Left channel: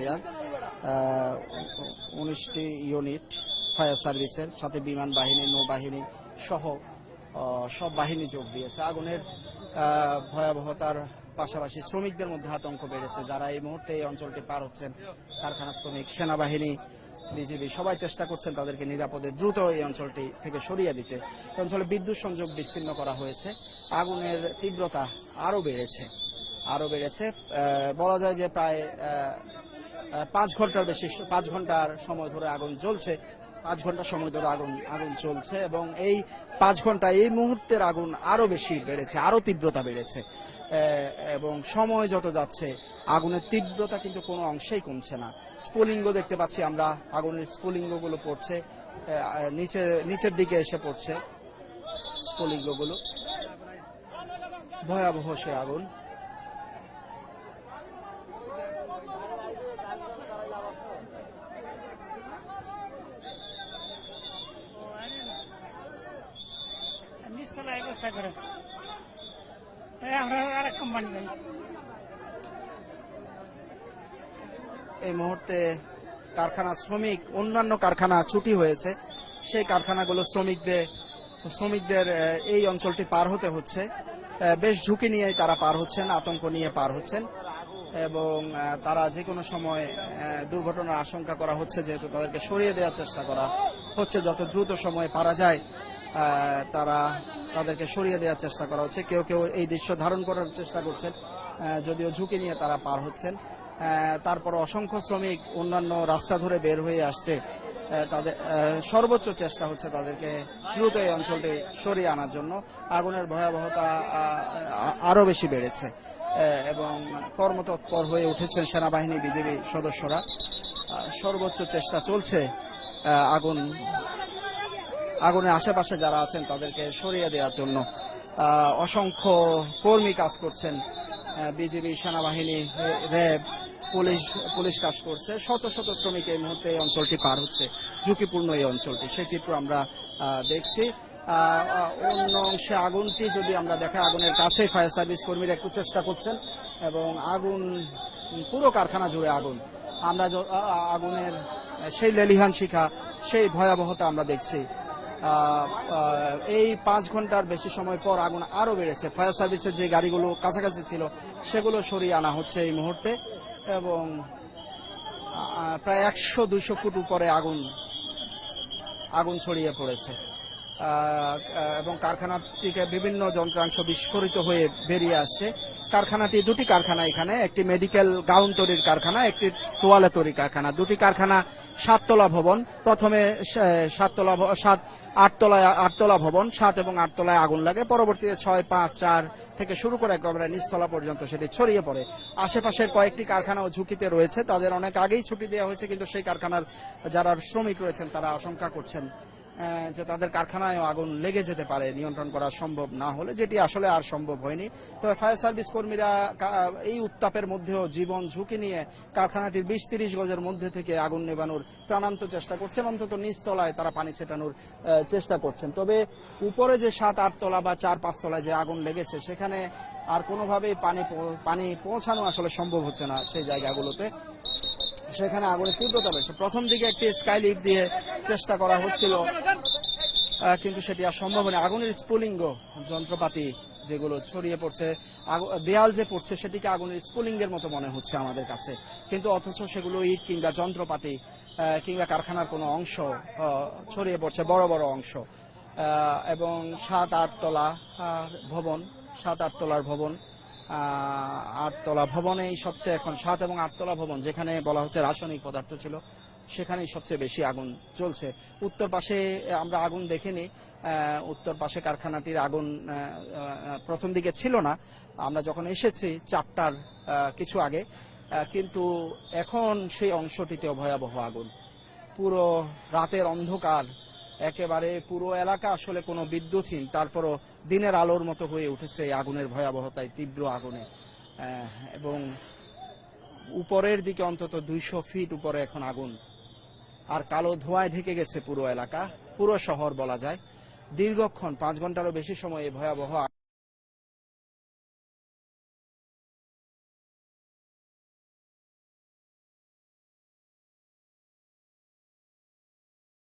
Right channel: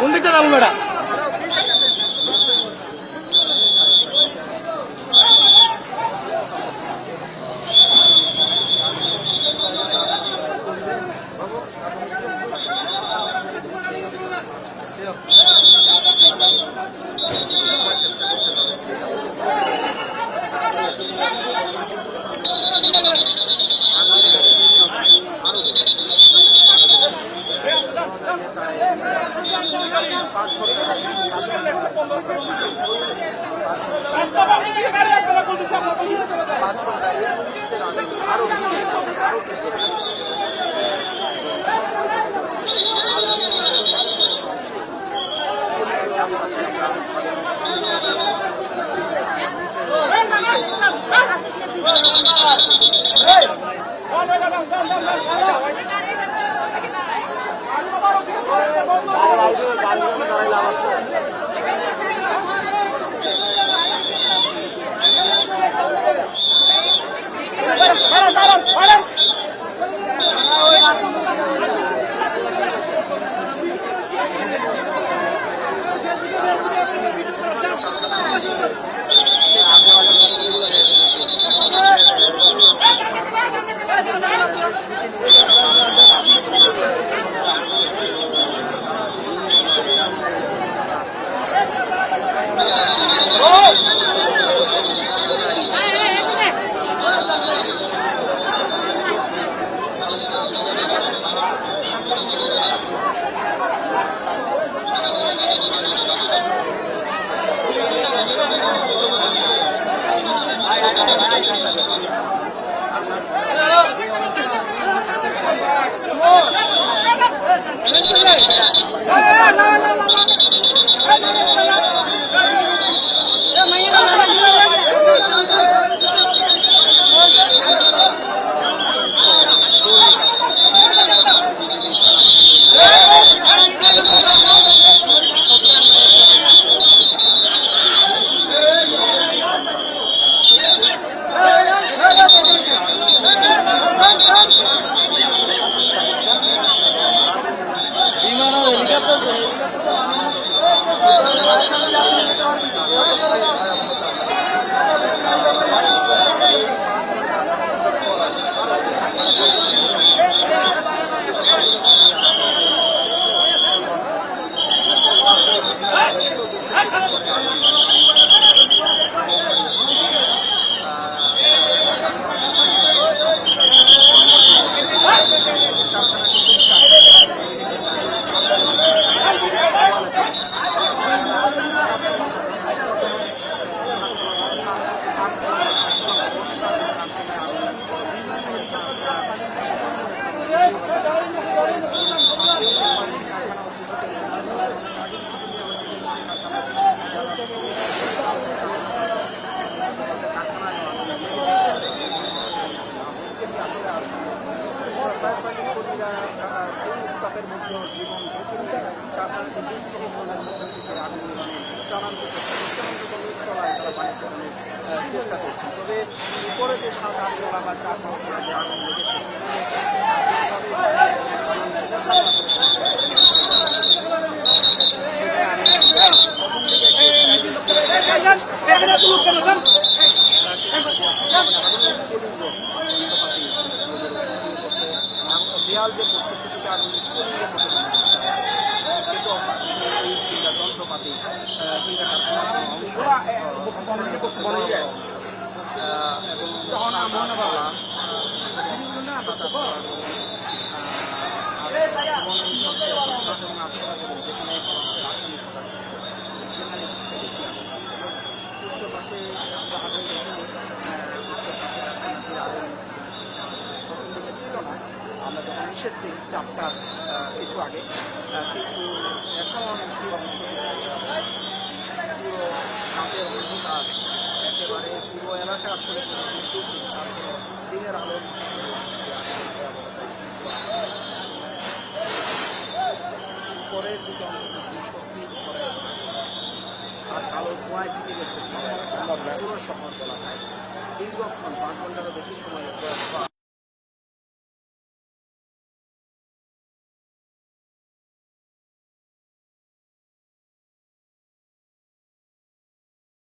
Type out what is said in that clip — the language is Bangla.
কোন দিকটা যাবো ম্যাডাম? ফায়ার সার্ভিসের সাথে বিএনপি সেনাবাহিনী সবাই চেষ্টা করছে তাদেরকে দ্রুত বিদ্যুৎ সংযোগ আগুনের তীব্রতা আরো বেড়েছে বলা যায় যে প্রায় 5 ঘন্টা বেশি 5 ঘন্টা চলছে। 5 ঘন্টা এই মুহূর্তের আগুন আরো বেশি বেড়েছে, আরো তীব্রতা বেড়েছে। সময় যত যাচ্ছে আগুনের তীব্রতা কিন্তু কোনো অংশেই কমছে না। স্ফুলিঙ্গ দেখতে পাচ্ছি আমরা, আগুনের স্ফুলিঙ্গ পড়ছে নিচের দিকে এসে পড়ছে। অন্যান্য কারখানা ছুটি হয়েছে, সেই কারখানাগুলো শ্রমিকদের এই অঞ্চলটি পার হতে হচ্ছে। বেশ ঝুঁকি নিয়ে তারা পার হচ্ছে, আতঙ্ক নিয়ে পার হচ্ছে। অসংখ্য শ্রমিক অন্যান্য রাস্তা ধরে বের হয়ে আসছে, সর্বোচ্চ চেষ্টা আরো বেশি বেড়েছে। চেষ্টা চলছে আগুনের আশেপাশে যারা আছে অসংখ্য কর্মী কাজ করছেন, অঞ্চলটি পার হচ্ছে ঝুঁকিপূর্ণ দেখছি। আগুনকে কাছে ফায়ার সার্ভিস কর্মীরা চেষ্টা করছেন সেই লেলিহান শিখা, সেই ভয়াবহতা আমরা দেখছি। এই 5 ঘন্টার বেশি সময় পর আরো রয়েছে ফায়ার সার্ভিসের যে গাড়িগুলো সেগুলো সরিয়ে আনা হচ্ছে এই মুহূর্তে। 100-200 ফুট পরে আগুন ছড়িয়ে পড়েছে। বিভিন্ন যন্ত্রাংশ বিস্ফোরিত হয়ে বেরিয়ে আসছে। কারখানাটি দুটি কারখানা, এখানে একটি মেডিকেল গাউন তৈরির কারখানা, একটি তোয়ালে তৈরির কারখানা। দুটি কারখানা 7 তলা ভবন, প্রথমে 8 তলা ভবন, 7 এবং 8 তলায় আগুন লাগে। পরবর্তীতে 6, 5, 4 থেকে শুরু করে ছড়িয়ে পড়ে। আশেপাশে কয়েকটি কারখানা ঝুঁকিতে রয়েছে, তাদের অনেক আগেই ছুটি দেওয়া হচ্ছে, কিন্তু সেই কারখানার যারা শ্রমিক রয়েছে তারা আশঙ্কা করছেন তাদের কারখানায় আগুনে লেগে যেতে পারে, নির্মাণ করা সম্ভব না হলে, যেটি আসলে আর সম্ভব হয়নি। ফায়ার সার্ভিস কর্মীরা এই উত্তাপের মধ্যেও জীবন ঝুঁকি নিয়ে কারখানাটি 20-30 গজের মধ্যে থেকে আগুন নেভানোর প্রাণান্ত চেষ্টা করছেন। অন্তত নিচতলায় তারা পানি ছেটানোর চেষ্টা করছেন। তবে উপরে যে 7-8 তলা বা 4-5 তলায় যে আগুন লেগেছে সেখানে কোনোভাবেই পানি পৌঁছানো আসলে সম্ভব হচ্ছে না। সেই জায়গাগুলোতে সেখানে প্রথম দিকে একটি স্কাইলিফট দিয়ে চেষ্টা করা হচ্ছিল, কিন্তু সেটি আর সম্ভব না। আগুনের স্ফুলিঙ্গ যন্ত্রপাতি যেগুলো ছড়িয়ে পড়ছে, দেয়াল যে পড়ছে সেটিকে আগুনের স্ফুলিঙ্গের মতো মনে হচ্ছে আমাদের কাছে, কিন্তু অথচ সেগুলো ইট কিংবা যন্ত্রপাতি কিংবা কারখানার কোনো অংশ ছড়িয়ে পড়ছে, বড় বড় অংশ। এবং 7-8 তলা ভবন, 7-8 তলার ভবন, 8 তলা ভবনে সবচেয়ে এখন 7 এবং 8 তলা ভবন যেখানে বলা হচ্ছে রাসায়নিক পদার্থ ছিল, সেখানেই সবচেয়ে বেশি আগুন চলছে। উত্তর পাশে আমরা আগুন দেখিনি, উত্তর পাশে কারখানাটির আগুন প্রথম দিকে ছিল না, আমরা যখন এসেছি 4টার কিছু আগে, কিন্তু এখন সেই অংশটিতে ভয়াবহ আগুন। পুরো রাতের অন্ধকার, একেবারে পুরো এলাকা আসলে কোনো বিদ্যুৎই, তারপরও দিনের আলোর মতো হয়ে উঠেছে এই আগুনের ভয়াবহতায়, তীব্র আগুন। উপরের দিকে অন্তত 200 ফিট উপরে এখন আগুন, আর কালো ধোঁয়ায় ঢেকে গেছে পুরো এলাকা, পুরো শহর বলা যায়। দীর্ঘক্ষণ 5 ঘন্টারও বেশি সময় ভয়াবহ